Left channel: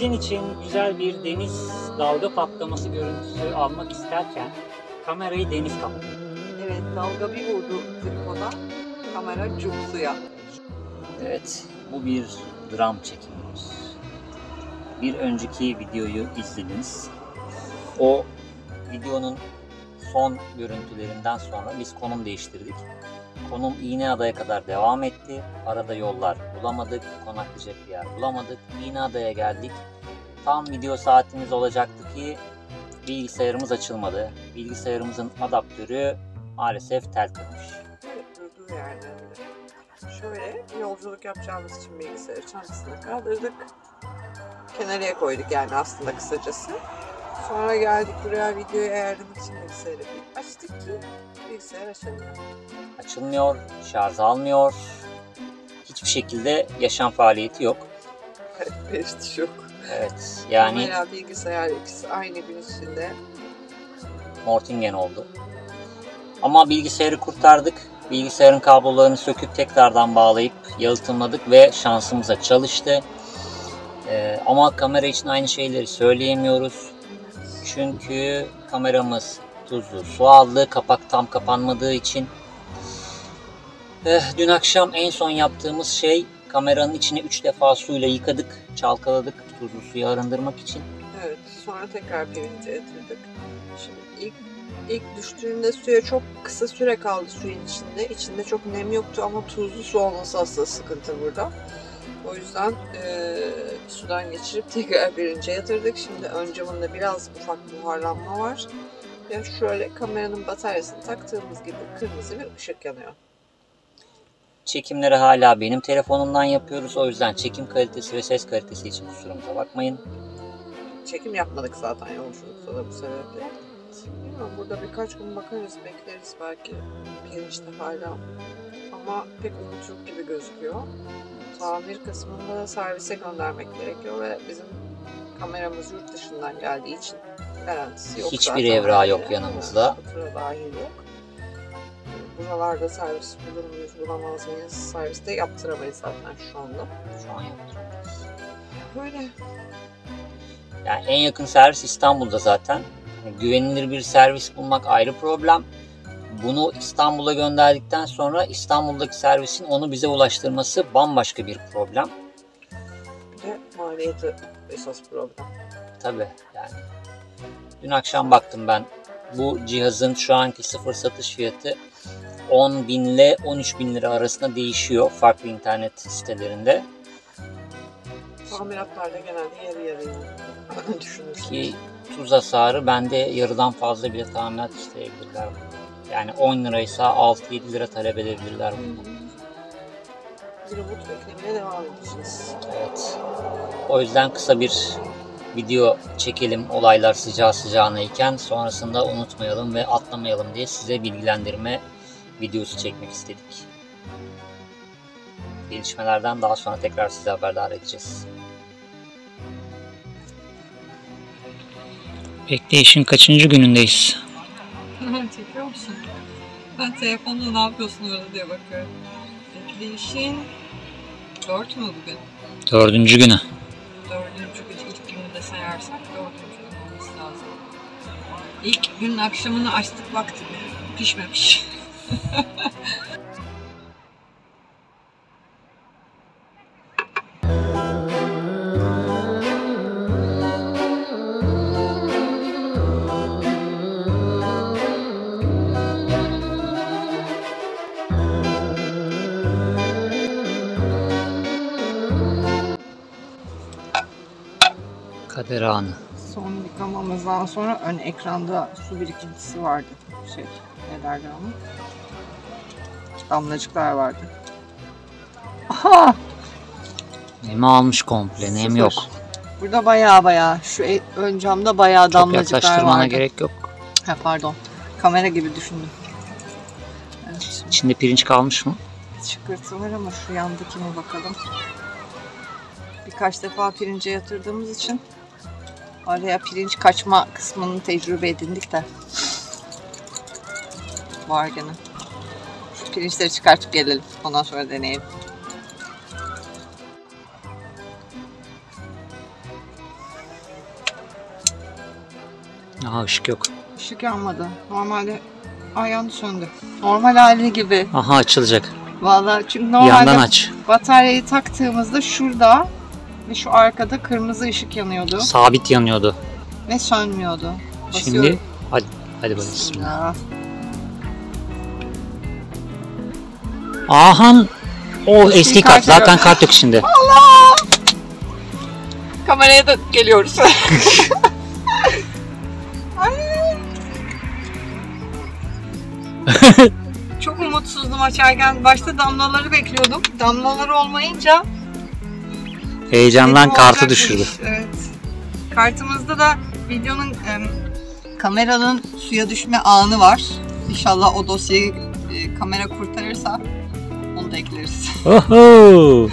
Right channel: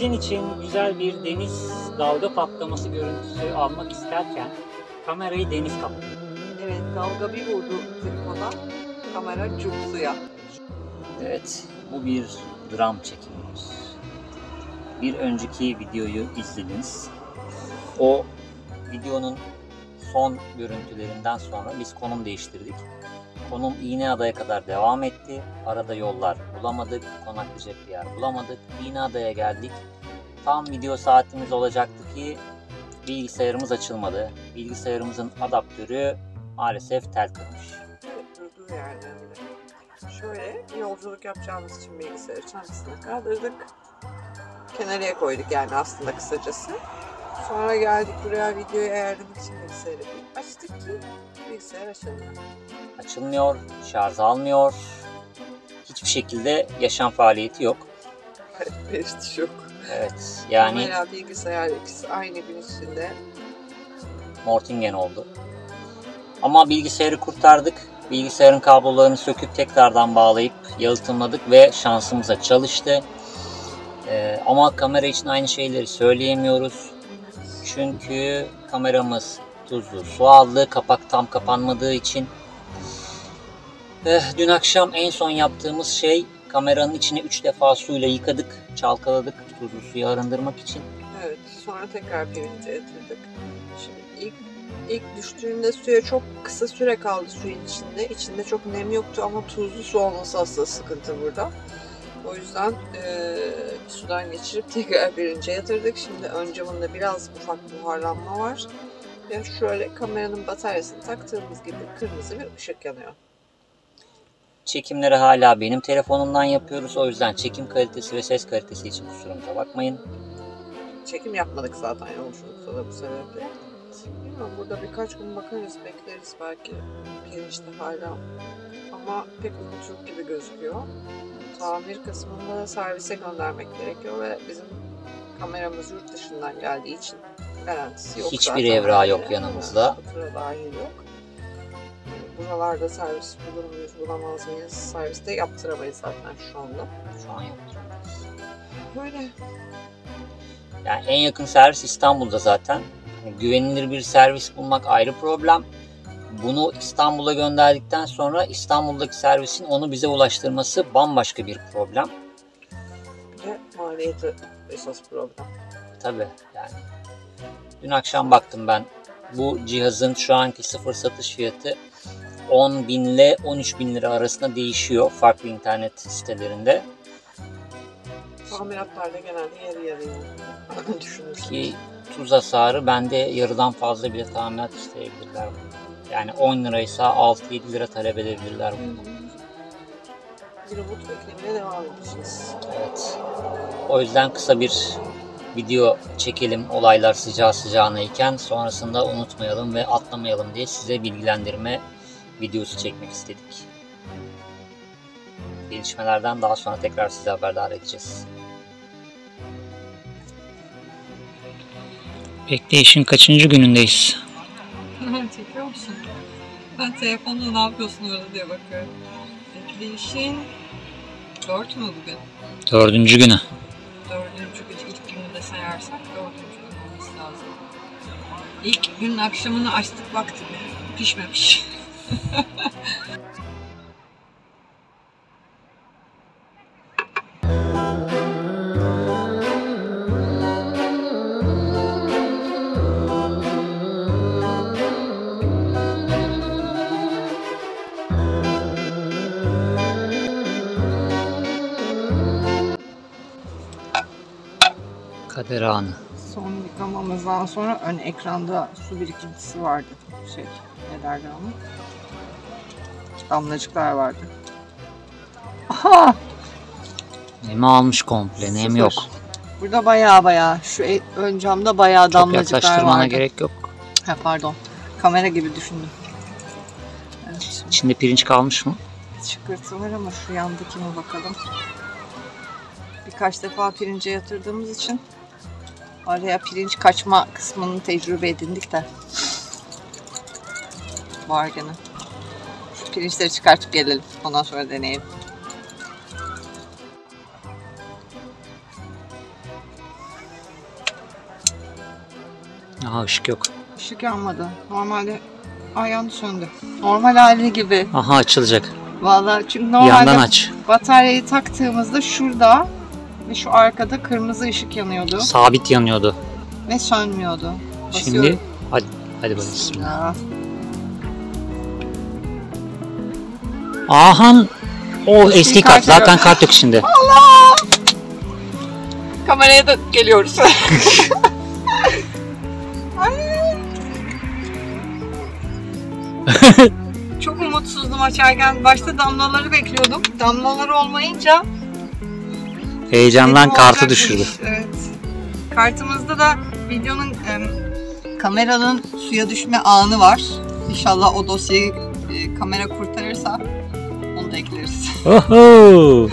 Sizin için güzel bir deniz dalga patlaması görüntüsü almak isterken kamerayı deniz kaptı. Evet, dalga bir vurdu tripoda, kamera cuk suya. Evet, bu bir dram çekimimiz. Bir önceki videoyu izlediniz. O videonun son görüntülerinden sonra biz konum değiştirdik. Konum İğneada'ya kadar devam etti. Arada yollar bulamadık, konaklayacak bir yer bulamadık. İğneada'ya geldik. Tam video saatimiz olacaktı ki bilgisayarımız açılmadı. Bilgisayarımızın adaptörü maalesef tel kırmış. Evet, durduğu yerde öyle. Şöyle yolculuk yapacağımız için bilgisayarı çantasına kaldırdık. Kenarıya koyduk yani aslında kısacası. Sonra geldik buraya videoyu ayarlamak için bilgisayarı açtık ki bilgisayar açılmıyor. Açılmıyor, şarj almıyor. Hiçbir şekilde yaşam faaliyeti yok. Evet, periş yok. Evet, yani Kamera, bilgisayar ikisi aynı gün içinde. Mortingen oldu. Ama bilgisayarı kurtardık. Bilgisayarın kablolarını söküp tekrardan bağlayıp yalıtımladık ve şansımıza çalıştı. Ama kamera için aynı şeyleri söyleyemiyoruz. Çünkü kameramız tuzlu su aldı. Kapak tam kapanmadığı için. Dün akşam en son yaptığımız şey kameranın içini 3 defa suyla yıkadık, çalkaladık tuzlu suyu arındırmak için. Evet, sonra tekrar pirince yatırdık. Şimdi ilk düştüğünde suya çok kısa süre kaldı suyun içinde. İçinde çok nem yoktu ama tuzlu su olması aslında sıkıntı burada. O yüzden sudan geçirip tekrar pirince yatırdık. Şimdi ön camında biraz ufak buharlanma var. Yani şöyle kameranın bataryasını taktığımız gibi kırmızı bir ışık yanıyor. Çekimleri hala benim telefonumdan yapıyoruz. O yüzden çekim kalitesi ve ses kalitesi için kusurumuza bakmayın. Çekim yapmadık zaten yolculukta da bu sebeple. Bilmiyorum, burada birkaç gün bakarız, bekleriz belki pirinçte hala. Ama pek umut yok gibi gözüküyor. Tamir kısmında da servise göndermek gerekiyor ve bizim kameramız yurt dışından geldiği için garantisi yok. Hiçbir evrağı yok yanımızda. Fatura dahil yok. Buralarda servis bulur muyuz, bulamaz mıyız? Serviste yaptıramayız zaten şu anda. Şu an yaptıramayız. Böyle. Yani en yakın servis İstanbul'da zaten. Güvenilir bir servis bulmak ayrı problem. Bunu İstanbul'a gönderdikten sonra İstanbul'daki servisin onu bize ulaştırması bambaşka bir problem. Bir de maliyeti esas problem. Tabii yani. Dün akşam baktım ben. Bu cihazın şu anki sıfır satış fiyatı 10.000 ile 13.000 lira arasında değişiyor farklı internet sitelerinde. Tamiratlarda genelde yarı yarıya düşünürsünüz. Ki tuz hasarı bende yarıdan fazla bile tamirat isteyebilirler. Yani 10 liraysa 6-7 lira talep edebilirler bunu. Bir umut beklemeye devam edeceğiz. Evet. O yüzden kısa bir video çekelim olaylar sıcağı sıcağına iken, sonrasında unutmayalım ve atlamayalım diye size bilgilendirme videosu çekmek istedik. Gelişmelerden daha sonra tekrar size haberdar edeceğiz. Bekleyişin kaçıncı günündeyiz? Çekiyor musun? Ben telefonla ne yapıyorsun öyle diye bakıyorum. Bekleyişin 4 mü bugün? 4. günü. 4. gün ilk günü de sayarsak 4. gün olması lazım. İlk günün akşamını açtık, baktık pişmemiş. Kader anı. Son yıkamamızdan sonra ön ekranda su birikintisi vardı. Ne derler onu? Damlacıklar vardı. Aha! Nem almış komple, nem yok. Burada baya şu ön camda baya damlacıklar vardı. Çok yaklaştırmana gerek yok. Ha, pardon. Kamera gibi düşündüm. Evet. İçinde pirinç kalmış mı? Çıkırtı var ama şu yandakine bakalım. Birkaç defa pirince yatırdığımız için araya pirinç kaçma kısmını tecrübe edindik de. Var gene. Şu pirinçleri çıkartıp gelelim. Ondan sonra deneyelim. Aha, ışık yok. Işık yanmadı. Normalde yandı, söndü. Normal hali gibi. Aha, açılacak. Vallahi çünkü Yandan normalde aç. bataryayı taktığımızda şurada ve şu arkada kırmızı ışık yanıyordu Sabit yanıyordu. ve sönmüyordu. Şimdi Basıyorum. hadi bakalım. Bismillah. Ahan, o eski kart. Zaten kart yok şimdi. Allah! Kameraya da geliyoruz. Ay. Çok umutsuzdum açarken. Başta damlaları bekliyordum. Damlalar olmayınca Heyecandan dedim kartı olacak düşürdü. bu iş. Evet. Kartımızda da videonun kameranın suya düşme anı var. İnşallah o dosyayı kamera kurtarırsa onu da ekleriz. Oho!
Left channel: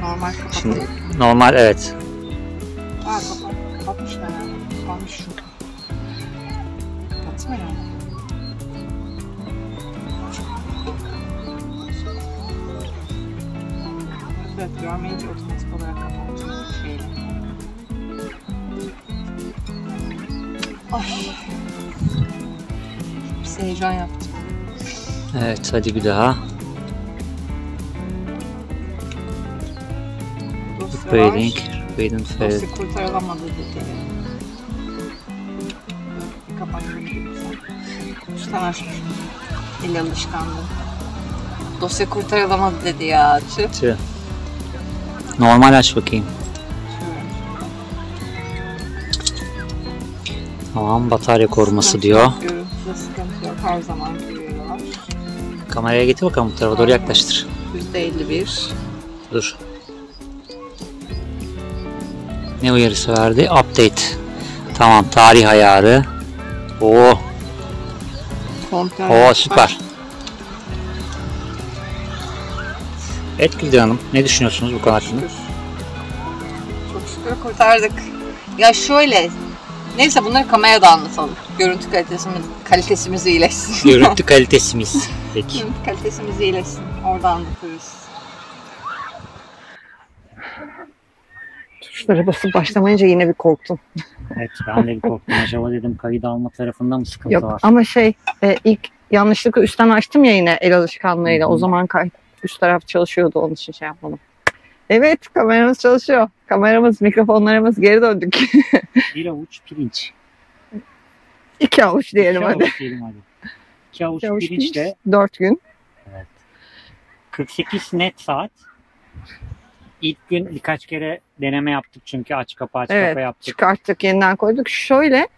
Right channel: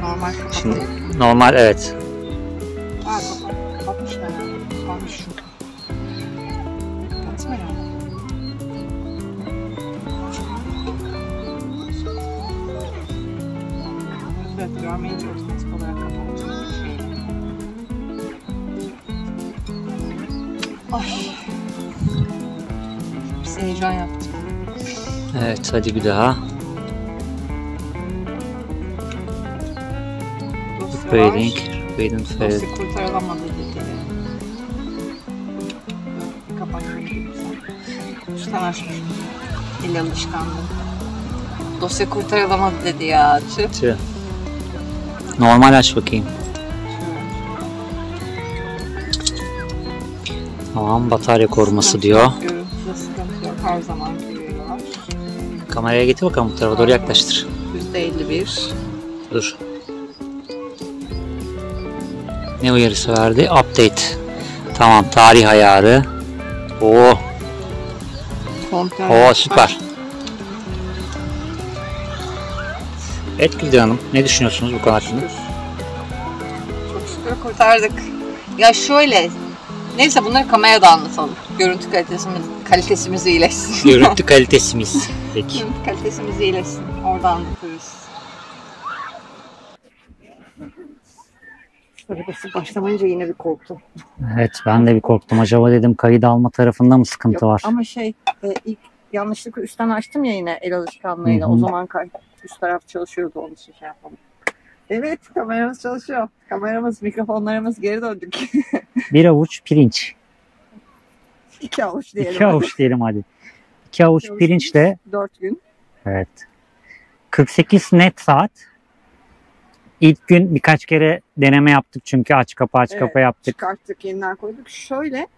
Normal kapatalım. Şimdi normal, evet. Kapatmışlar yani. Kalmış şu. Kapatsın herhalde. Evet, görmeyince otomatik olarak kapattım. Ay. Biz heyecan yaptım. Evet, hadi bir daha. Dosya Waiting. var. Waiting for... Dosya kurtarılamadı dedi. Kapattım sen. Üstten açmış. El alışkanlığı. Dosya kurtarılamadı dedi ya. Tüh. Normal aç bakayım. Tamam, batarya koruması diyor. Görüntüde sıkıntı yok. Her zaman görüyorlar. Kameraya getir bakalım, bu tarafa doğru yaklaştır. %51. Dur. Ne uyarısı verdi? Update. Tamam, tarih ayarı. Oo, Komple süper. Evet Gülden Hanım, ne düşünüyorsunuz bu konu hakkında? Çok şükür kurtardık. Ya şöyle, neyse bunları kamerada anlatalım. Görüntü kalitesimiz iyileşsin. Görüntü kalitesimiz. Peki. Görüntü kalitesimiz iyileşsin. Orada anlatırız. Tuşlara basıp başlamayınca yine bir korktum. Evet, ben de bir korktum. Acaba dedim kayıt alma tarafında mı sıkıntı Yok var? ama ilk yanlışlıkla üstten açtım ya yine el alışkanlığıyla. Hı hı. O zaman üst taraf çalışıyordu, onun için şey yapmadım. Evet, kameramız çalışıyor. Kameramız, mikrofonlarımız, geri döndük. Bir avuç pirinç. 2 avuç diyelim. 2 avuç diyelim hadi. 2 avuç İki avuç pirinçle 4 gün. evet. 48 net saat. İlk gün birkaç kere deneme yaptık çünkü aç kapa yaptık. Çıkarttık, yeniden koyduk. Şöyle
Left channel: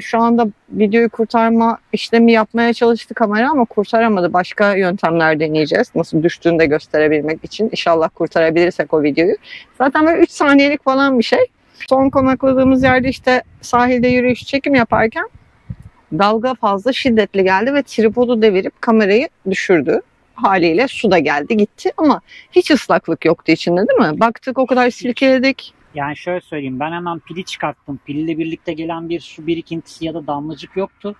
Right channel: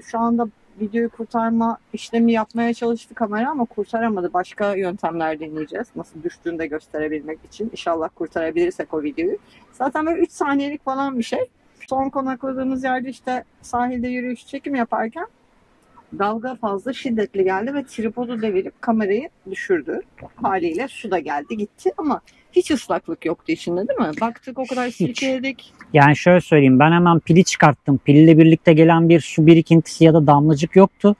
şu anda videoyu kurtarma işlemi yapmaya çalıştı kamera ama kurtaramadı. Başka yöntemler deneyeceğiz. Nasıl düştüğünü de gösterebilmek için. İnşallah kurtarabilirsek o videoyu. Zaten böyle 3 saniyelik falan bir şey. Son konakladığımız yerde işte sahilde yürüyüş çekim yaparken dalga fazla şiddetli geldi ve tripodu devirip kamerayı düşürdü. Haliyle su da geldi gitti ama hiç ıslaklık yoktu içinde, değil mi? Baktık o kadar silkeledik. Yani şöyle söyleyeyim, ben hemen pili çıkarttım. Pille birlikte gelen bir su birikintisi ya da damlacık yoktu.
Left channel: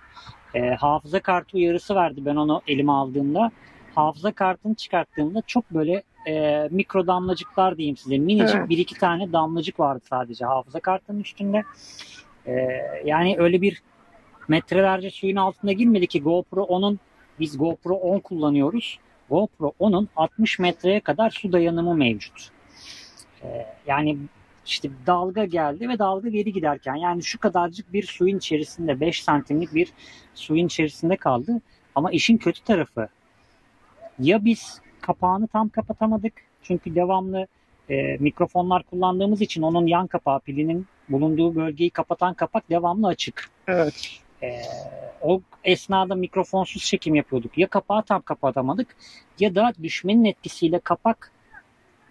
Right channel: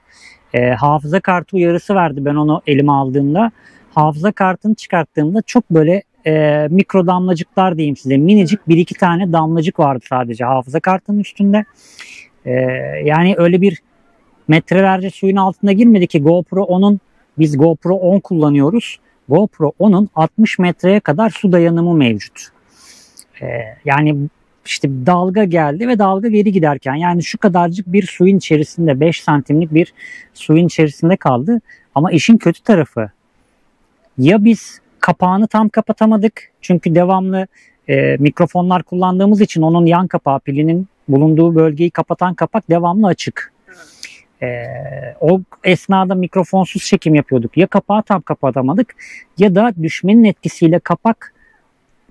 Hafıza kartı uyarısı verdi ben onu elime aldığımda. Hafıza kartını çıkarttığımda çok böyle mikro damlacıklar diyeyim size. Minicik Evet. bir iki tane damlacık vardı sadece hafıza kartının üstünde. Yani öyle bir metrelerce suyun altına girmedi ki GoPro 10'un, biz GoPro 10 kullanıyoruz. GoPro 10'un 60 metreye kadar su dayanımı mevcut. Yani işte dalga geldi ve dalga geri giderken yani şu kadarcık bir suyun içerisinde 5 santimlik bir suyun içerisinde kaldı. Ama işin kötü tarafı ya biz kapağını tam kapatamadık çünkü devamlı mikrofonlar kullandığımız için onun yan kapağı, pilinin bulunduğu bölgeyi kapatan kapak devamlı açık. Evet. O esnada mikrofonsuz çekim yapıyorduk. Ya kapağı tam kapatamadık ya da düşmenin etkisiyle kapak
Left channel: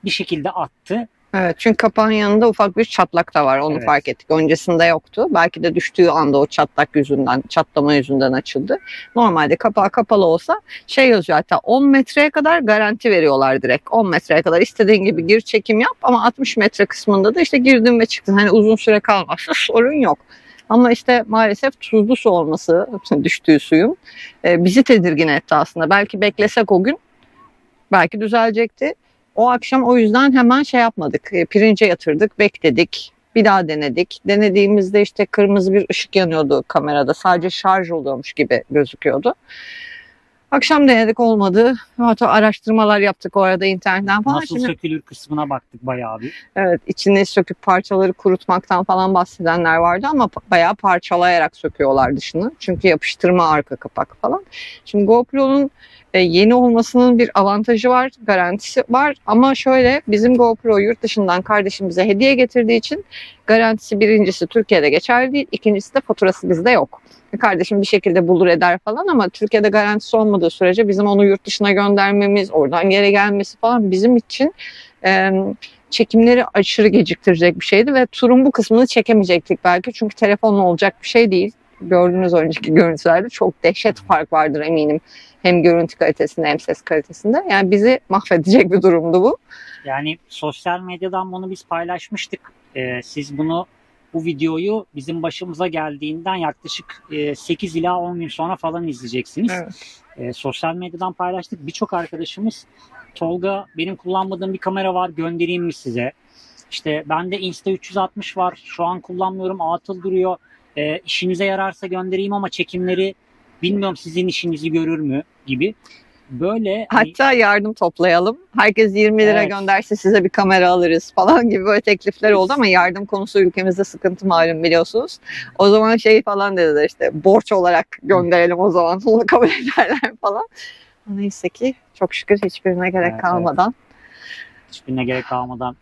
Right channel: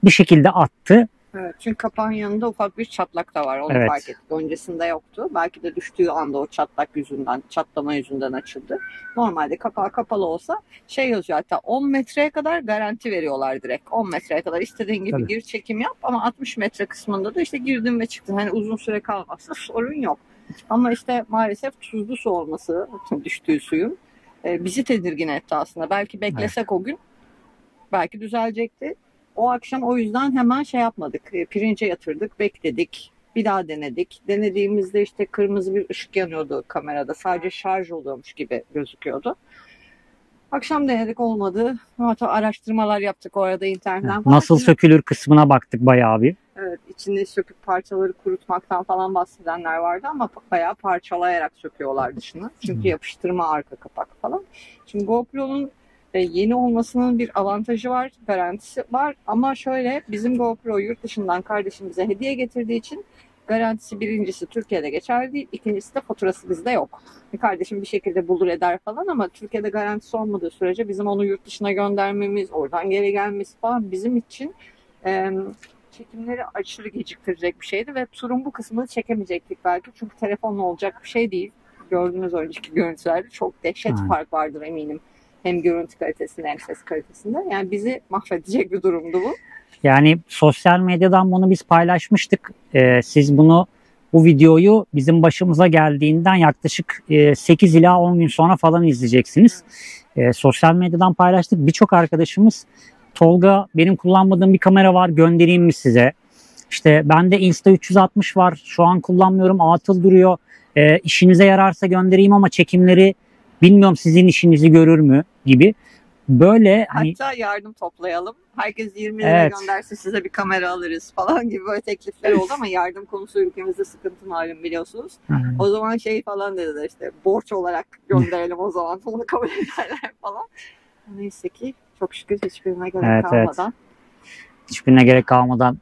bir şekilde attı. Evet, çünkü kapağın yanında ufak bir çatlak da var. Onu Evet. fark ettik. Öncesinde yoktu. Belki de düştüğü anda o çatlama yüzünden açıldı. Normalde kapağı kapalı olsa yazıyor, hatta 10 metreye kadar garanti veriyorlar direkt. 10 metreye kadar istediğin gibi Tabii. gir, çekim yap ama 60 metre kısmında da işte girdin ve çıktın. Hani uzun süre kalmazsa sorun yok. Ama işte maalesef tuzlu su olması, düştüğü suyun bizi tedirgin etti aslında. Belki beklesek o gün belki düzelecekti. O akşam o yüzden hemen şey yapmadık. Pirince yatırdık, bekledik. Bir daha denedik. Denediğimizde işte kırmızı bir ışık yanıyordu kamerada. Sadece şarj oluyormuş gibi gözüküyordu. Akşam denedik, olmadı. Hatta araştırmalar yaptık o arada internetten falan. Nasıl sökülür kısmına baktık bayağı bir. Evet, içini söküp parçaları kurutmaktan falan bahsedenler vardı ama bayağı parçalayarak söküyorlar dışını. Çünkü yapıştırma arka kapak falan. Şimdi GoPro'nun yeni olmasının bir avantajı var, garantisi var. Ama şöyle, bizim GoPro yurt dışından kardeşimize hediye getirdiği için garantisi birincisi Türkiye'de geçerli değil, ikincisi de faturası bizde yok. Kardeşim bir şekilde bulur eder falan ama Türkiye'de garantisi olmadığı sürece bizim onu yurt dışına göndermemiz, oradan geri gelmesi falan bizim için çekimleri aşırı geciktirecek bir şeydi ve turun bu kısmını çekemeyecektik belki, çünkü telefonla olacak bir şey değil. Gördüğünüz önceki görüntülerde çok dehşet fark vardır eminim. Hem görüntü kalitesinde hem ses kalitesinde. Yani bizi mahvedecek bir durumdu bu. Yani sosyal medyadan bunu biz paylaşmıştık. Siz bu videoyu bizim başımıza geldiğinden yaklaşık 8 ila 10 gün sonra falan izleyeceksiniz. Evet. Sosyal medyadan paylaştık. Birçok arkadaşımız, Tolga benim kullanmadığım bir kamera var, göndereyim mi size? İşte bende Insta360 var, şu an kullanmıyorum, atıl duruyor. İşinize yararsa göndereyim ama çekimleri bilmiyorum sizin işinizi görür mü gibi. Böyle hatta yardım toplayalım. Herkes 20 lira gönderse size bir kamera alırız falan gibi böyle teklifler oldu ama yardım konusu ülkemizde sıkıntı malum, biliyorsunuz. O zaman şey falan dediler, işte borç olarak gönderelim o zaman. Onu kabul ederler falan. Neyse ki çok şükür hiçbirine gerek kalmadan. Hiçbirine gerek kalmadan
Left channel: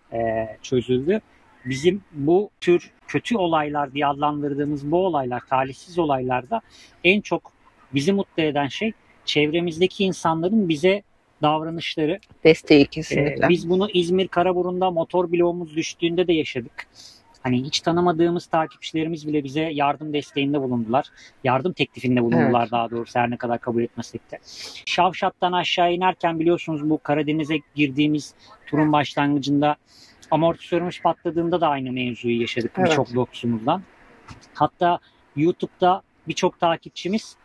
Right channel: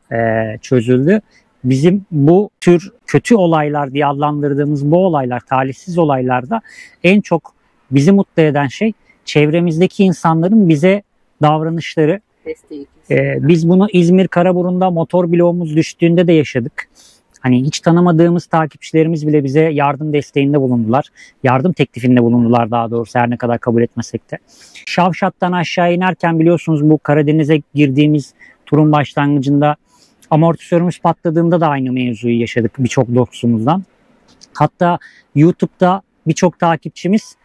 çözüldü. Bizim bu tür kötü olaylar diye adlandırdığımız bu olaylar, talihsiz olaylarda en çok bizi mutlu eden şey çevremizdeki insanların bize davranışları. Desteği kesinlikle. Biz bunu İzmir Karaburun'da motor bloğumuz düştüğünde de yaşadık. Hani hiç tanımadığımız takipçilerimiz bile bize yardım desteğinde bulundular. Yardım teklifinde bulundular daha doğrusu, her ne kadar kabul etmesek de. Şavşat'tan aşağı inerken biliyorsunuz bu Karadeniz'e girdiğimiz turun başlangıcında amortisörümüz patladığında da aynı mevzuyu yaşadık birçok dostumuzdan. Hatta YouTube'da birçok takipçimiz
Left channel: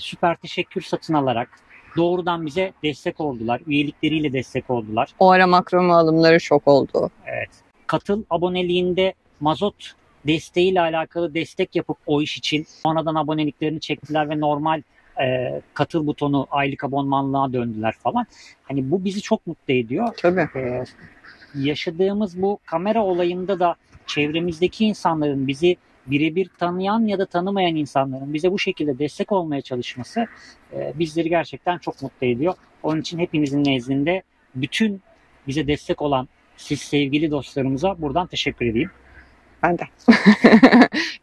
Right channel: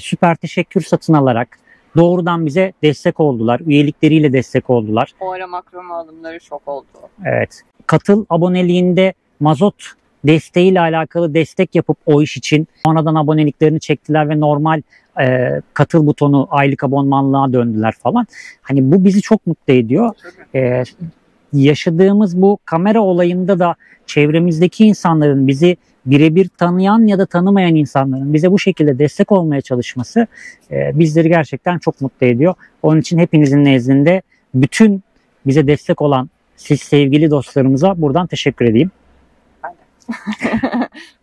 süper teşekkür satın alarak doğrudan bize destek oldular. Üyelikleriyle destek oldular. O ara makrome alımları çok oldu. Evet. Katıl aboneliğinde mazot desteğiyle alakalı destek yapıp o iş için sonradan aboneliklerini çektiler ve normal katıl butonu aylık abonmanlığa döndüler falan. Hani bu bizi çok mutlu ediyor. Tabii. Yaşadığımız bu kamera olayında da çevremizdeki insanların, bizi birebir tanıyan ya da tanımayan insanların bize bu şekilde destek olmaya çalışması bizleri gerçekten çok mutlu ediyor. Onun için hepinizin nezdinde bütün bize destek olan siz sevgili dostlarımıza buradan teşekkür edeyim. Ben de.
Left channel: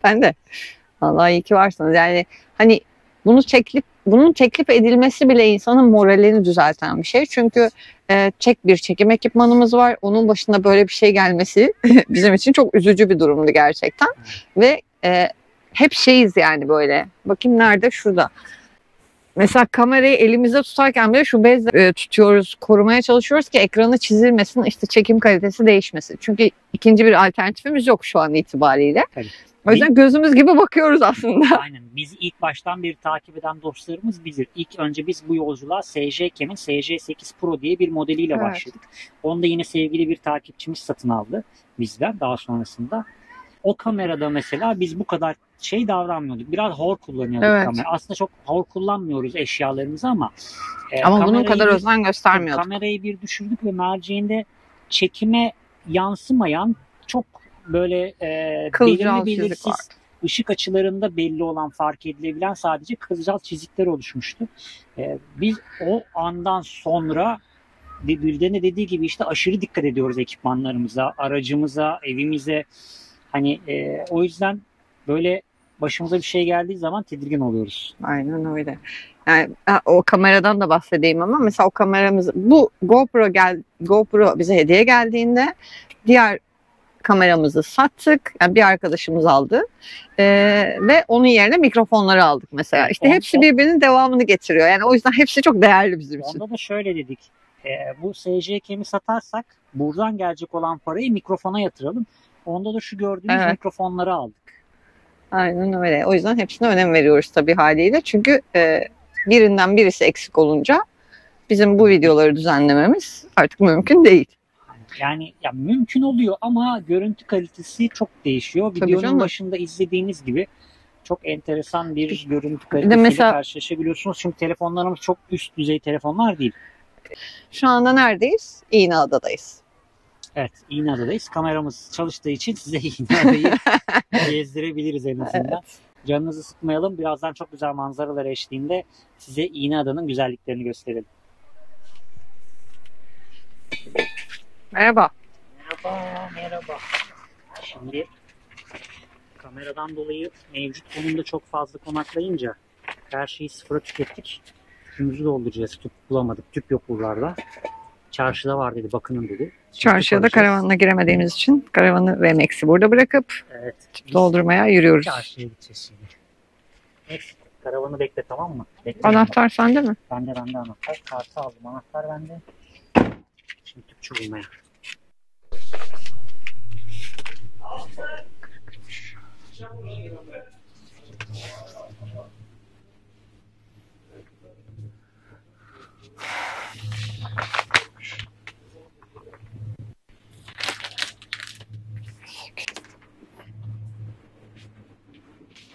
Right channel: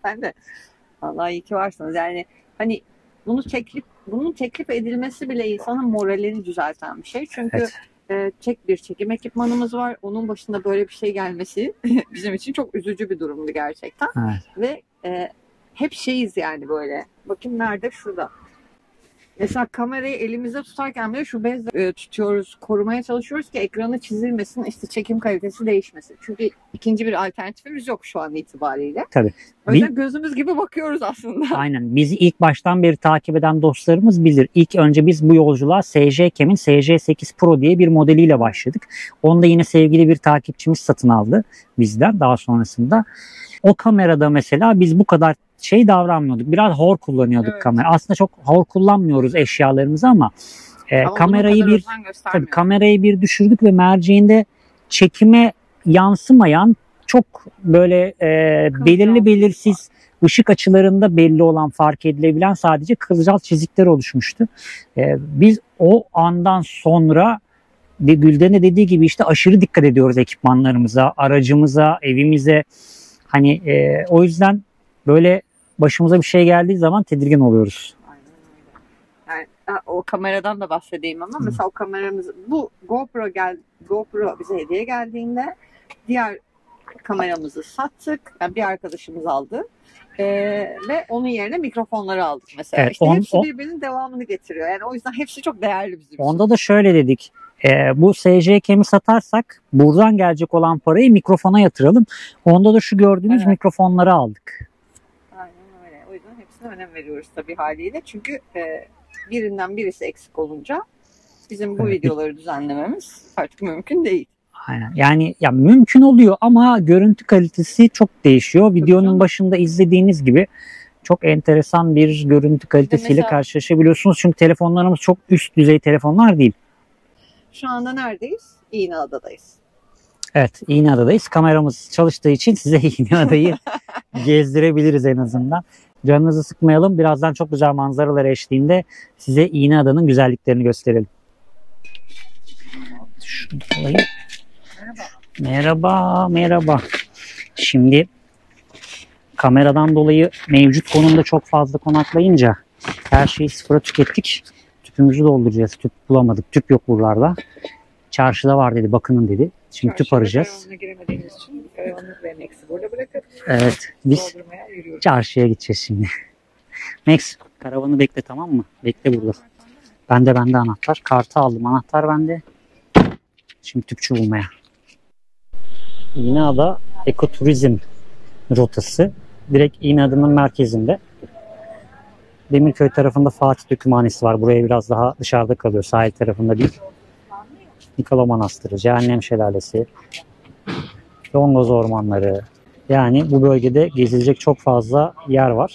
Ben de. Vallahi iyi ki varsınız. Yani hani bunun teklif edilmesi bile insanın moralini düzelten bir şey. Çünkü bir çekim ekipmanımız var. Onun başında böyle bir şey gelmesi bizim için çok üzücü bir durumdu gerçekten. Ve hep şeyiz yani böyle. Bakayım nerede? Şurada. Mesela kamerayı elimizde tutarken bile şu bezle tutuyoruz, korumaya çalışıyoruz ki ekranı çizilmesin, işte çekim kalitesi değişmesin. Çünkü ikinci bir alternatifimiz yok şu an itibariyle. Tabii. O yüzden gözümüz gibi bakıyoruz aslında. Aynen. Bizi ilk baştan beri takip eden dostlarımız bilir. İlk önce biz bu yolculuğa SJCam'in SJ8 Pro diye bir modeliyle başladık. Onu da yine sevgili bir takipçimiz satın aldı bizden daha sonrasında. O kamerada mesela biz bu kadar davranmıyorduk. Biraz hor kullanıyorduk kamera. Aslında çok hor kullanmıyoruz eşyalarımızı ama bunun kadar özen göstermiyorduk. Kamerayı bir düşürdük ve merceğinde çekime yansımayan çok böyle belirli belirsiz ışık açılarında belli olan, fark edilebilen sadece kılcal çizikler oluşmuştu. Biz o andan sonra Gülden'e dediği gibi işte aşırı dikkat ediyoruz ekipmanlarımıza, aracımıza, evimize. Hani o yüzden böyle başımıza bir şey geldiği zaman tedirgin oluyoruz. Aynen öyle. Yani o kameradan da bahsedeyim ama mesela o kameramız, bu GoPro bize hediye geldiğinde diğer kameramızı sattık. Yani bir arkadaşımız aldı. Ve onun yerine mikrofonları aldık mesela. Evet, işte hepsi birbirinin devamını getiriyor. Yani o yüzden hepsi çok değerli bizim için. Onda da şöyle dedik. Bu SJCam'i satarsak buradan gelecek olan parayı mikrofona yatıralım. Onda da şu gördüğünüz mikrofonları aldık. Aynen öyle. O yüzden hepsine önem veriyoruz tabii haliyle. Çünkü birinden birisi eksik olunca bizim bu videoları düzenlememiz artık mümkün değil. Aynen. Yani ya mümkün oluyor ama görüntü kalitesi çok değişiyor. Tabii Videonun canım. başında izlediğiniz gibi çok enteresan bir görüntü kalitesiyle mesela- karşılaşabiliyorsunuz. Çünkü telefonlarımız çok üst düzey telefonlar değil. Şu anda neredeyiz? İğneada'dayız. Evet, İğneada'dayız. Kameramız çalıştığı için size İğneada'yı gezdirebiliriz en azından. Canınızı sıkmayalım. Birazdan çok güzel manzaralar eşliğinde size İğneada'nın güzelliklerini gösterelim. Şunu alayım. Merhaba. Merhaba, merhaba. Şimdi kameradan dolayı mevcut konumda çok fazla konaklayınca her şeyi sıfıra tükettik. Tüpümüzü dolduracağız. Tüp bulamadık. Tüp yok buralarda. Çarşıda var dedi. Bakının dedi. Şimdi tüp Çarşıya da arayacağız. karavanla giremediğimiz için karavanı ve Max'i burada bırakıp Evet. Biz doldurmaya yürüyoruz. çarşıya gideceğiz şimdi. Max, karavanı bekle, tamam mı? Bekle. Anahtar sende mi? Bende anahtar. Kartı aldım. Anahtar bende. Şimdi tüpçü bulmaya. İğneada ekoturizm rotası. Direkt İğneada'nın merkezinde. Demirköy tarafında Fatih Dökümhanesi var. Buraya biraz daha dışarıda kalıyor. Sahil tarafında değil. Nikola Manastırı, Cehennem Şelalesi, Dongoz Ormanları. Yani bu bölgede gezilecek çok fazla yer var.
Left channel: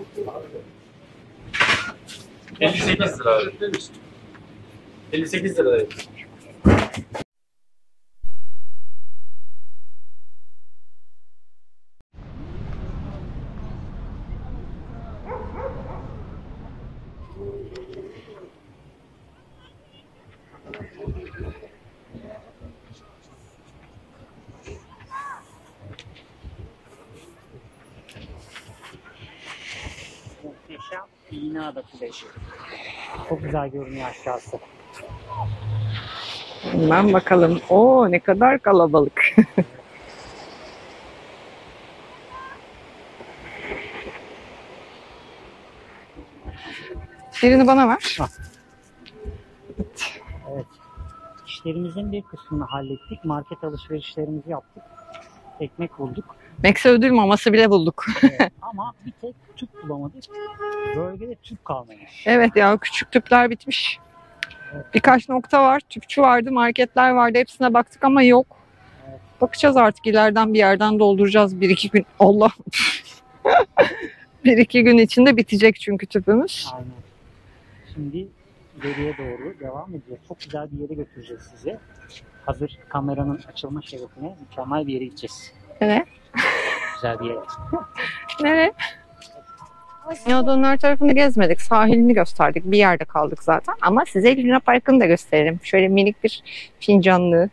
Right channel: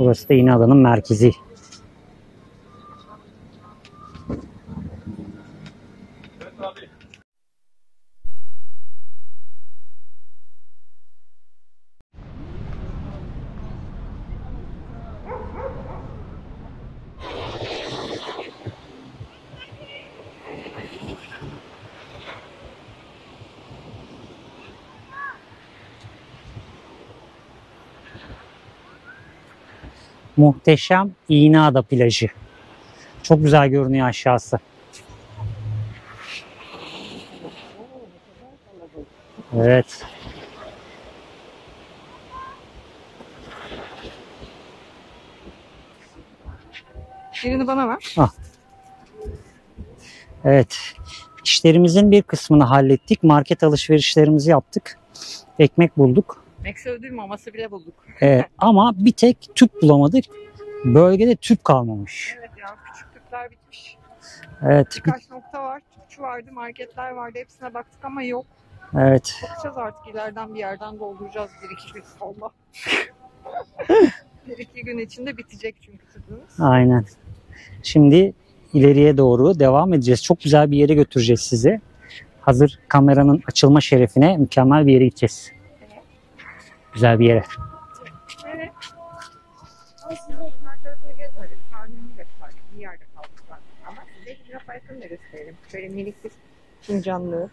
Burası da İğneada'nın merkezi. 58 lira abi. 58 lira. Muhteşem İğneada plajı. Çok güzel görünüyor aşağısı. Hemen bakalım. Oo, ne kadar kalabalık. Evet. Birini bana ver. Evet. İşlerimizin bir kısmını hallettik. Market alışverişlerimizi yaptık. Ekmek bulduk. Max'e ödül maması bile bulduk. Ama bir tek tüp bulamadık. Bölgede tüp kalmamış. Evet ya, küçük tüpler bitmiş. Evet. Birkaç nokta var. Tüpçü vardı, marketler vardı. Hepsine baktık ama yok. Evet. Bakacağız artık, ileriden bir yerden dolduracağız 1-2 gün. Allah. 1-2 gün içinde bitecek çünkü tüpümüz. Aynen. Şimdi ileriye doğru devam edeceğiz. Çok güzel bir yere götüreceğiz sizi. Hazır kameranın açılma şerefine mükemmel bir yere gideceğiz. Evet. Güzel bir yere. Nereye? İğneada'nın her tarafını gezmedik. Sahilini gösterdik. Bir yerde kaldık zaten. Ama size Luna Park'ını da gösterelim. Şöyle minik bir fincanlı.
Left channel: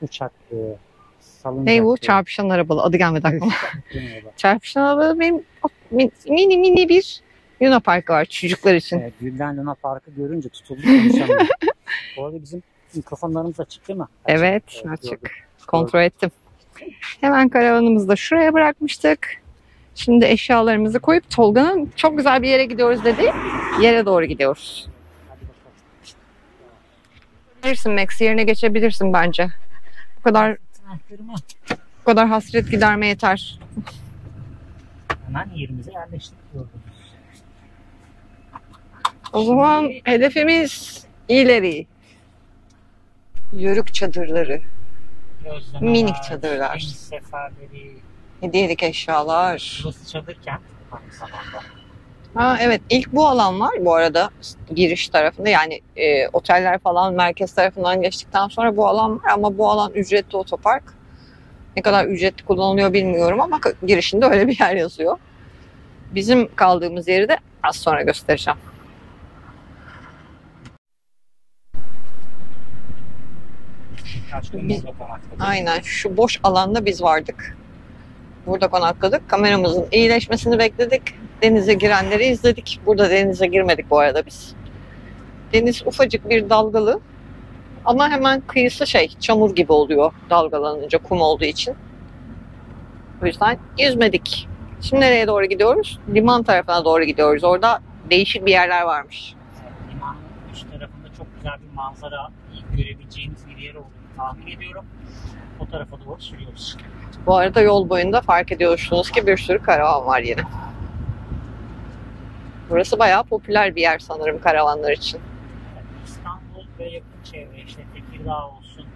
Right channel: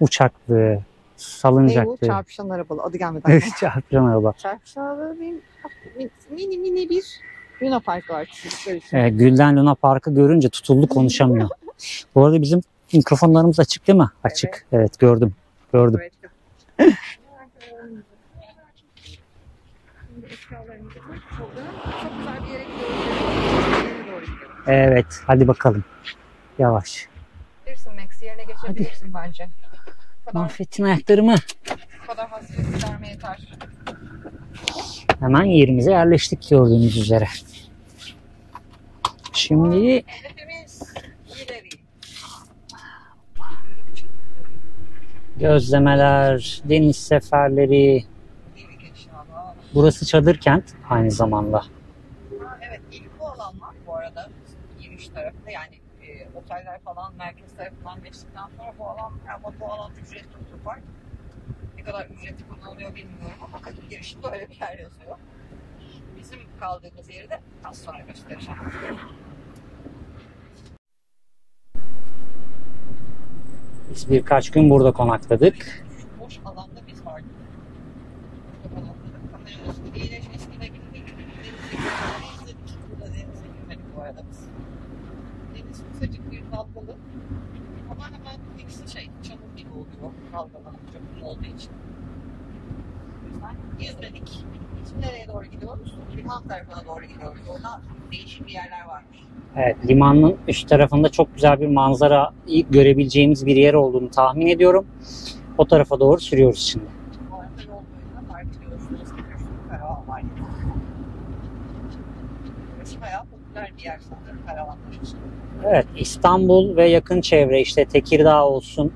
Uçaklı, salıncaklı. Ne bu? Çarpışan arabalı. Adı gelmedi aklıma. Çarpışan araba. Çarpışan arabalı benim mini bir Luna Park var çocuklar için. Gülden Luna Park'ı görünce tutuldu, konuşamıyor. Bu arada bizim mikrofonlarımız açık değil mi? Açık. Evet, Evet, açık. gördüm. Kontrol ettim. Hemen karavanımızı da şuraya bırakmıştık. Şimdi eşyalarımızı koyup Tolga'nın çok güzel bir yere gidiyoruz dedi. Yere doğru gidiyoruz. Evet, hadi bakalım. Yavaş. Bilirsin Max, yerine geçebilirsin bence. Bu Affettin ayaklarımı. kadar hasret giderme yeter. Hemen yerimize yerleştik gördüğünüz üzere. O zaman Şimdi hedefimiz ileri. Yörük çadırları, gözlemeler, minik çadırlar. deniz seferleri. hediyelik eşyalar. Burası çadır kent aynı zamanda. Ha, evet, ilk bu alan var bu arada giriş tarafında, yani oteller falan merkez tarafından geçtikten sonra bu alan var ama bu alan ücretli otopark. Ne kadar ücretli kullanılıyor bilmiyorum ama girişinde öyle bir yer yazıyor. Bizim kaldığımız yeri de az sonra göstereceğim. Biz birkaç gün burada konakladık. Aynen, şu boş alanda biz vardık. Burada konakladık. Kameramızın iyileşmesini bekledik. Denize girenleri izledik. Burada denize girmedik bu arada biz. Deniz ufacık bir dalgalı. Ama hemen kıyısı çamur gibi oluyor dalgalanınca, kum olduğu için. O yüzden yüzmedik. Şimdi nereye doğru gidiyoruz? Liman tarafına doğru gidiyoruz. Orada değişik bir yerler varmış. Evet, limanın üst tarafında çok güzel bir manzara görebileceğimiz bir yer olduğunu tahmin ediyorum. O tarafa doğru sürüyoruz şimdi. Bu arada yol boyunda fark ediyorsunuz ki bir sürü karavan var yine. Burası bayağı popüler bir yer sanırım karavanlar için. Evet, İstanbul ve yakın çevre işte Tekirdağ olsun,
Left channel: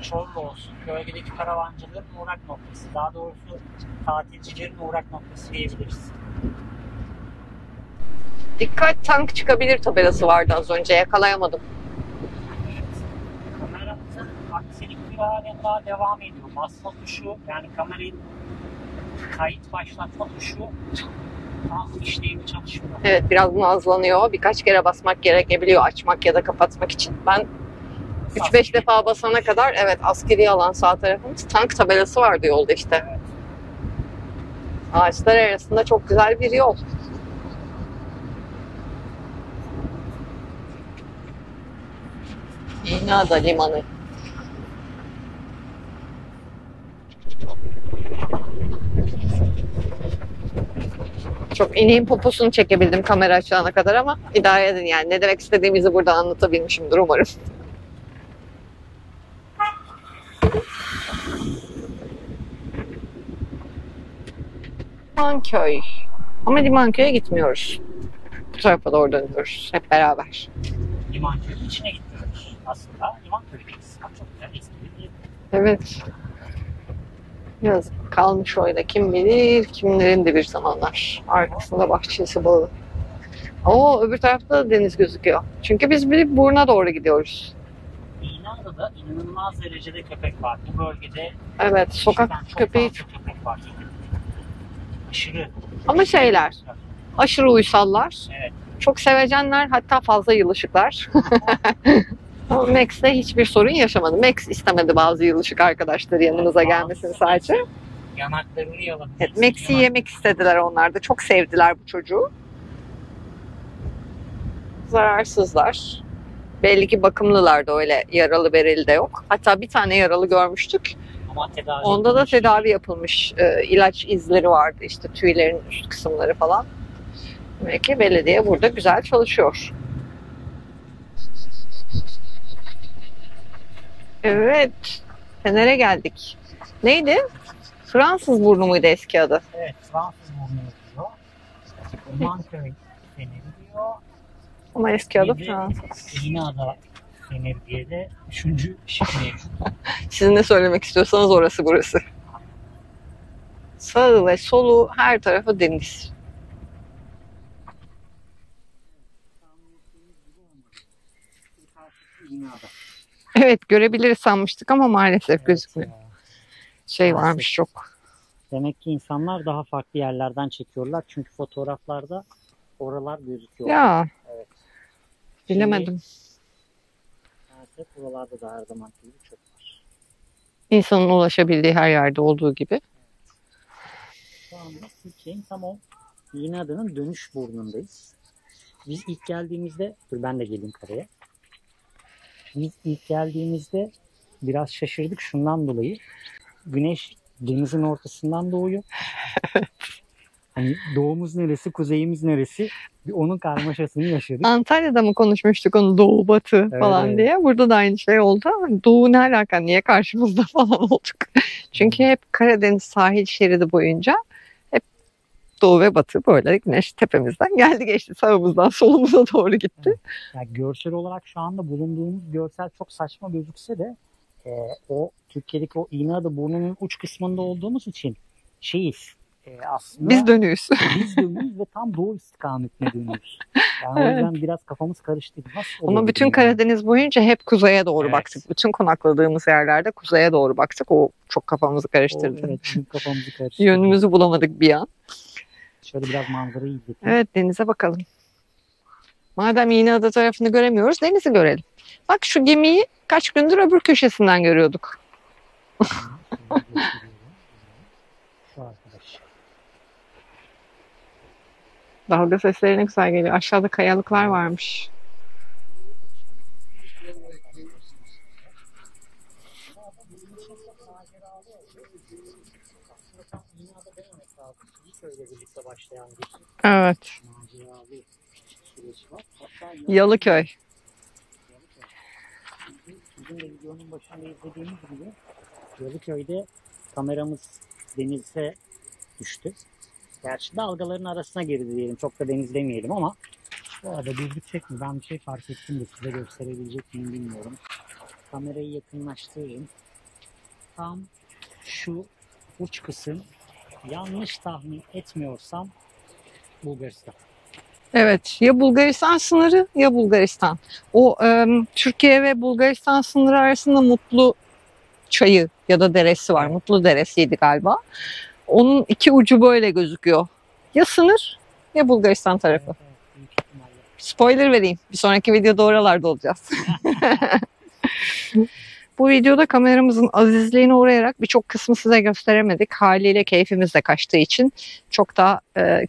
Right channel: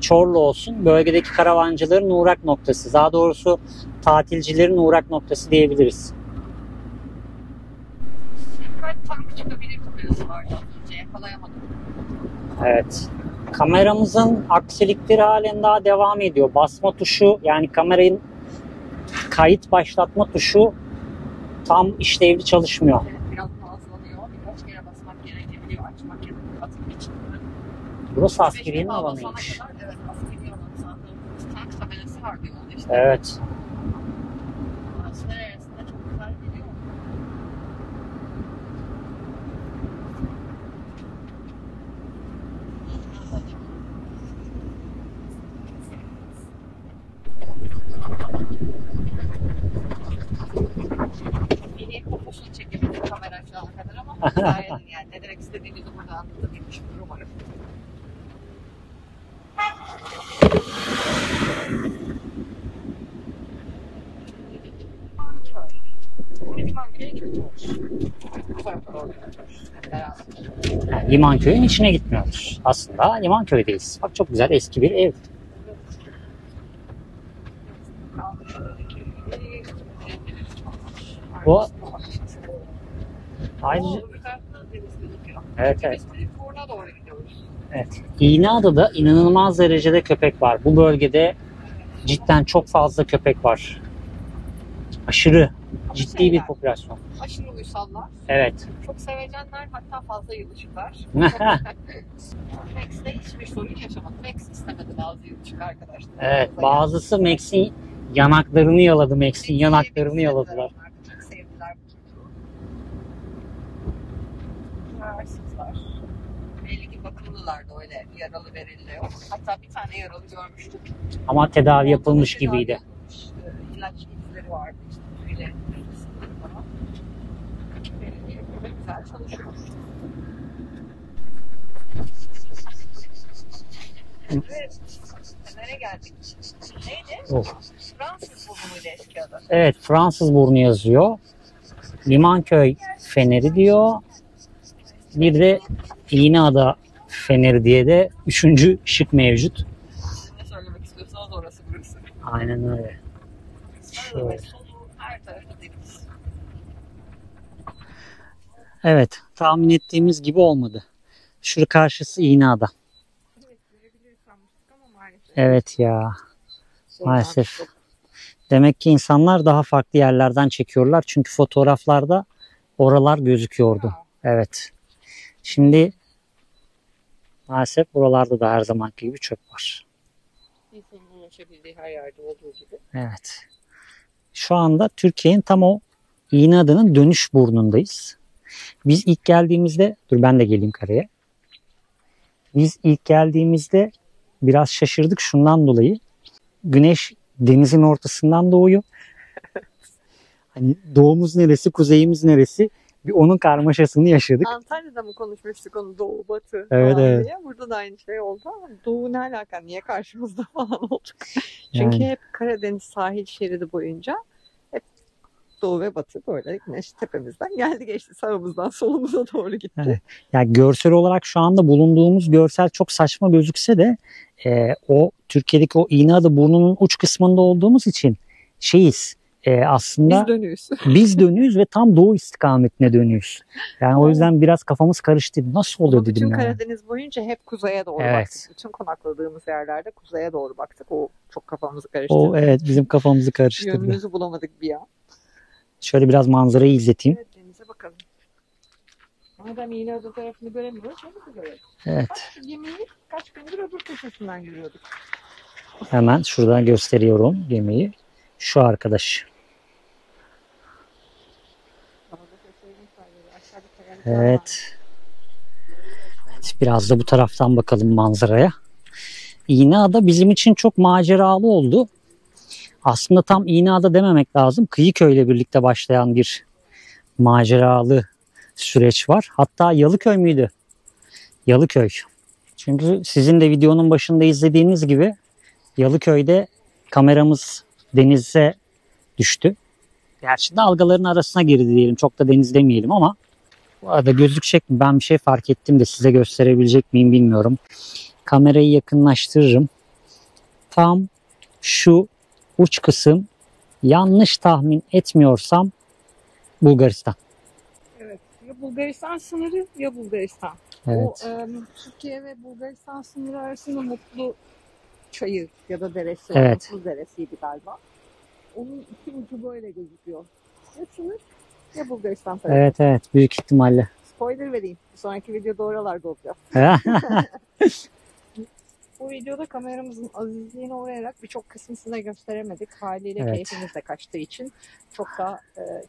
Çorlu olsun bölgedeki karavancıların uğrak noktası. Daha doğrusu tatilcilerin uğrak noktası diyebiliriz. Dikkat tank çıkabilir tabelası vardı az önce yakalayamadım. Evet. Kameramızın aksilikleri halen daha devam ediyor. Basma tuşu yani kameranın kayıt başlatma tuşu tam işlevli çalışmıyor. Evet biraz nazlanıyor. Birkaç kere basmak gerekebiliyor açmak ya da kapatmak için. Ben Burası 3-5 askeri defa alan basana olmuş. kadar evet askeri alan sağ tarafımız tank tabelası vardı yolda işte. Evet. Ağaçlar arasında çok güzel bir yol. İğneada Limanı. Çok ineğin poposunu çekebildim kamera açana kadar ama idare edin yani. Ne demek istediğimizi burada anlatabilmişimdir umarım. Limanköy. Ama Limanköy'e gitmiyoruz. Bu tarafa doğru dönüyoruz hep beraber. Yani Limanköy'ün içine gitmiyoruz. Aslında Limanköy'deyiz. Bak çok güzel eski bir ev. Evet. Yazık kalmış orada kim bilir kimlerin de bir zamanlar. Arkasında bahçesi bağı. Oo öbür tarafta da deniz gözüküyor. Evet, Çünkü evet. biz bir Burnu'na doğru gidiyoruz. Evet. İğneada'da inanılmaz derecede köpek var. Bu bölgede Evet sokak cidden çok köpeği. fazla köpek var. Aşırı. Ama ciddi bir şeyler popülasyon. aşırı uysallar. Evet. Çok sevecenler hatta fazla yılışıklar. Ama Max'te hiçbir sorun yaşamadı. Max istemedi bazı yılışık arkadaşları Evet, yanımıza gelmesini bazısı sadece. Max'in yanaklarını yaladı. Evet, Max'in Max'i yanaklarını yemek istediler yaladı. onlar da. Çok sevdiler bu çocuğu. Zararsızlar. Belli ki bakımlılar da öyle yaralı bereli de yok. Hatta bir tane yaralı görmüştük. Ama tedavi Onda da yapılmış tedavi gibiydi. yapılmış. İlaç izleri vardı işte tüylerin üst kısımları falan. Demek ki belediye burada güzel çalışıyor. Evet. Fener'e geldik. Neydi? Of. Fransız burnu muydu eski adı? Evet, Fransız burnu yazıyor. Limanköy Feneri diyor. Ama eski adı Bir de Fransız. İğneada Feneri diye de üçüncü şık mevcut. Siz ne söylemek istiyorsanız orası burası. Aynen öyle. Sağı ve solu her tarafı deniz. Evet, tahmin ettiğimiz gibi olmadı. Şurada karşısı İğneada. Evet görebiliriz sanmıştık ama maalesef Evet gözükmüyor. ya. Şey maalesef. varmış çok. Demek ki insanlar daha farklı yerlerden çekiyorlar. Çünkü fotoğraflarda oralar gözüküyordu. Ya Evet. Şimdi bilemedim. maalesef buralarda da her zamanki gibi çöp var. İnsanın ulaşabildiği her yerde olduğu gibi. Evet. Şu anda Türkiye'nin tam o İğneada'nın dönüş burnundayız. Biz ilk geldiğimizde, dur ben de geleyim karaya. Biz ilk geldiğimizde biraz şaşırdık şundan dolayı. Güneş denizin ortasından doğuyor. Hani doğumuz neresi, kuzeyimiz neresi? Bir onun karmaşasını yaşadık. Antalya'da mı konuşmuştuk onu doğu batı falan evet. diye. Burada da aynı şey oldu ama doğu ne alaka niye karşımızda falan olduk. Çünkü Yani. hep Karadeniz sahil şeridi boyunca hep doğu ve batı böyle güneş tepemizden geldi geçti. Sağımızdan solumuza doğru gitti. Evet. Yani görsel olarak şu anda bulunduğumuz görsel çok saçma gözükse de o Türkiye'deki o İğneada burnunun uç kısmında olduğumuz için şeyiz. Aslında Biz dönüyoruz. biz dönüyoruz ve tam doğu istikametine dönüyoruz. Yani o Evet. yüzden biraz kafamız karıştı. Nasıl olur Ama dedim bütün yani. Karadeniz boyunca hep kuzeye doğru Evet. baktık. Bütün konakladığımız yerlerde kuzeye doğru baktık. O çok kafamızı karıştırdı. O evet bizim kafamızı karıştırdı. Yönümüzü bulamadık bir an. Şöyle biraz manzarayı izleteyim. Evet denize bakalım. Madem İğneada tarafını göremiyoruz denizi görelim. Evet. Bak şu gemiyi kaç gündür öbür köşesinden görüyorduk. Hemen şuradan gösteriyorum gemiyi. Şu arkadaş. Dalga sesleri ne güzel geliyor. Aşağıda kayalıklar Evet. varmış. Biraz da bu taraftan bakalım manzaraya. İğneada bizim için çok maceralı oldu. Aslında tam İğneada dememek lazım. Kıyıköy'le birlikte başlayan bir Evet. maceralı süreç var. Hatta Yalıköy Yalıköy. müydü? Yalıköy. Çünkü sizin de videonun başında izlediğiniz gibi Yalıköy'de kameramız denize düştü. Gerçi dalgaların arasına girdi diyelim. Çok da deniz demeyelim ama bu arada gözükecek mi? Ben bir şey fark ettim de size gösterebilecek miyim bilmiyorum. Kamerayı yakınlaştırırım. Tam şu uç kısım, yanlış tahmin etmiyorsam, Bulgaristan. Evet, ya Bulgaristan sınırı ya Bulgaristan. Evet. O Türkiye ve Bulgaristan sınırı arasında Mutlu çayı ya da deresi var. Evet. Mutlu deresiydi galiba. Onun iki ucu böyle gözüküyor. Ya sınır ya Bulgaristan tarafı. Evet evet, büyük ihtimalle. Spoiler vereyim. Bir sonraki videoda oralarda olacağız. Bu videoda kameramızın azizliğine uğrayarak birçok kısmı size gösteremedik. Haliyle Evet. keyfimiz de kaçtığı için çok da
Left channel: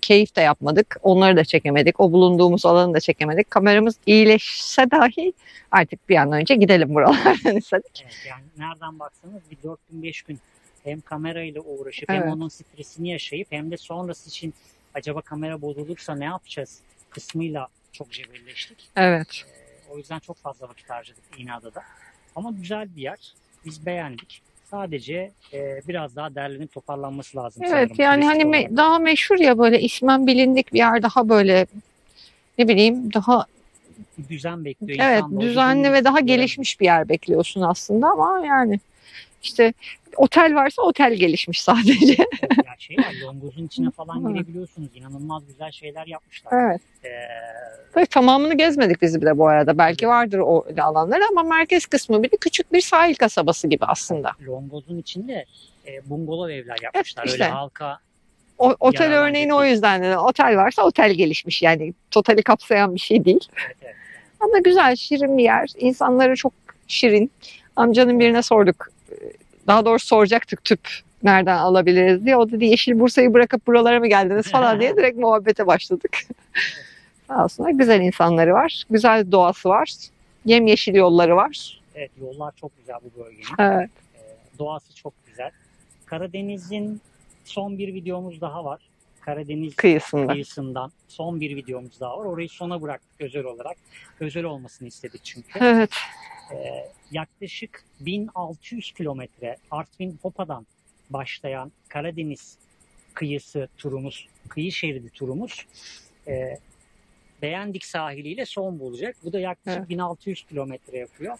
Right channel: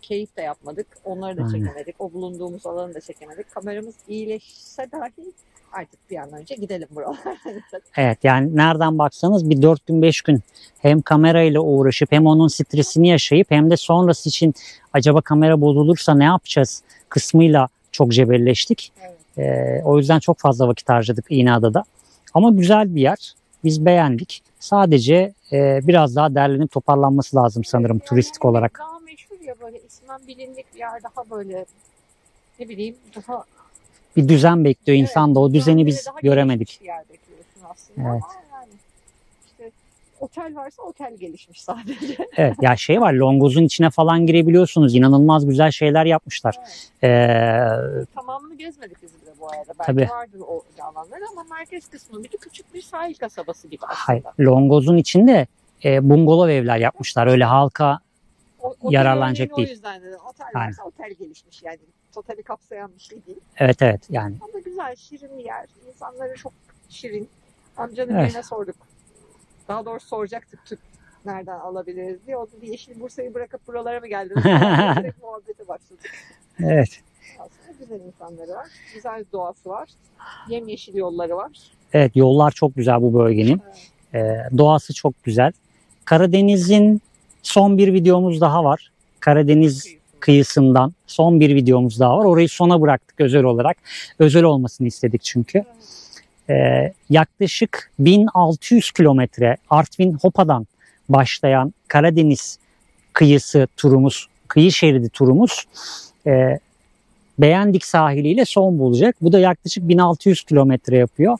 keyif de yapmadık. Onları da Aynen. çekemedik. O bulunduğumuz alanı da çekemedik. Kameramız iyileşse dahi artık bir an önce gidelim buralardan istedik. Evet, yani nereden baksanız bir 4 gün 5 gün hem kamerayla uğraşıp hem Evet. onun stresini yaşayıp hem de sonrası için acaba kamera bozulursa ne yapacağız kısmıyla çok cebelleştik. Evet. O yüzden çok fazla vakit harcadık İğneada'da. Ama güzel bir yer. Biz beğendik. Sadece biraz daha derlenip toparlanması lazım sanırım Evet, yani turistik hani olarak. daha meşhur ya, böyle ismen bilindik bir yer, daha böyle ne bileyim daha Bir düzen bekliyor insan da. O düzeni düzenli biz ve daha göremedik. gelişmiş bir yer bekliyorsun aslında Evet. ama yani işte otel varsa otel gelişmiş sadece. Evet, ya şey var, Longoz'un içine falan girebiliyorsunuz. İnanılmaz güzel şeyler yapmışlar. Evet. Ee, Ve tamamını gezmedik biz de bu arada. Belki Tabii. vardır o alanlar ama merkez kısmı bir de küçük bir sahil kasabası gibi aslında. hayır, Longoz'un içinde bungalov evler yapmışlar. işte. Öyle halka. Otel Yararlanacak örneğini o değil. yüzden dedim. Otel varsa otel gelişmiş. Yani totali kapsayan bir şey değil. Evet evet yani. Ama güzel, şirin bir yer. İnsanları çok şirin. Amcanın Evet. birine sorduk. Daha doğrusu soracaktık tüp nereden alabiliriz diye. O dedi Yeşil Bursa'yı bırakıp buralara mı geldiniz falan diye direkt muhabbete başladık. Evet. Aslında güzel insanları var. Güzel doğası var. Yemyeşil yolları var. Evet, yollar çok güzel bu bölgenin. Evet. Doğası çok güzel. Karadeniz'in son bir videomuz daha var. Karadeniz Kıyısında. kıyısından son bir videomuz daha var. Orayı sona bıraktık özel olarak. Özel olmasını istedik çünkü. Evet. Yaklaşık 1600 kilometre Artvin Hopa'dan başlayan Karadeniz kıyısı turumuz, kıyı şeridi turumuz Beğendik sahiliyle son bulacak. Bu da yaklaşık Evet. 1600 kilometre yapıyor.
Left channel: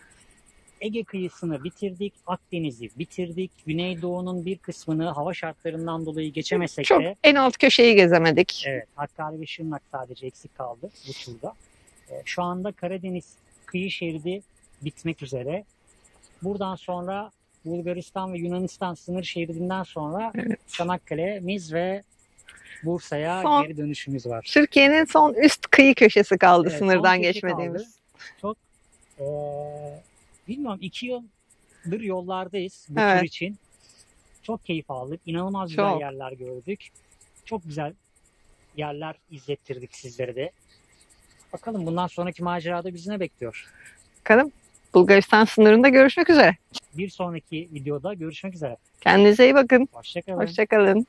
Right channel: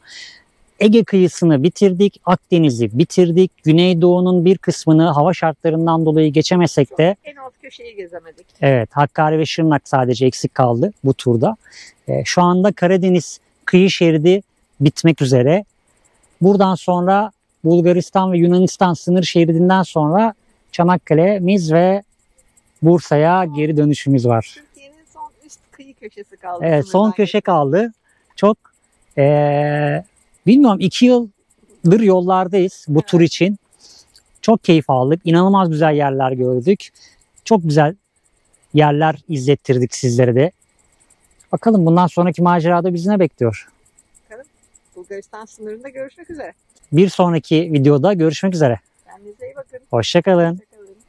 Ege kıyısını bitirdik, Akdeniz'i bitirdik. Güneydoğu'nun bir kısmını hava şartlarından dolayı geçemesek Çok de en alt köşeyi gezemedik. evet, Hakkari ve Şırnak sadece eksik kaldı bu turda. Şu anda Karadeniz kıyı şeridi bitmek üzere. Buradan sonra Bulgaristan ve Yunanistan sınır şeridinden sonra Evet. Çanakkale'miz ve Bursa'ya Son- geri dönüşümüz var. Türkiye'nin son üst kıyı köşesi kaldı Evet, sınırdan son köşe geçmediğimiz. kaldı. Çok bilmiyorum, 2 yıldır yollardayız bu Evet. tur için. Çok keyif aldık. İnanılmaz güzel Çok. yerler gördük. Çok güzel yerler izlettirdik sizlere de. Bakalım bundan sonraki macerada bizi ne bekliyor? Bakalım. Bulgaristan sınırında görüşmek üzere. Bir sonraki videoda görüşmek üzere. Kendinize iyi bakın. Hoşça kalın. Hoşça kalın.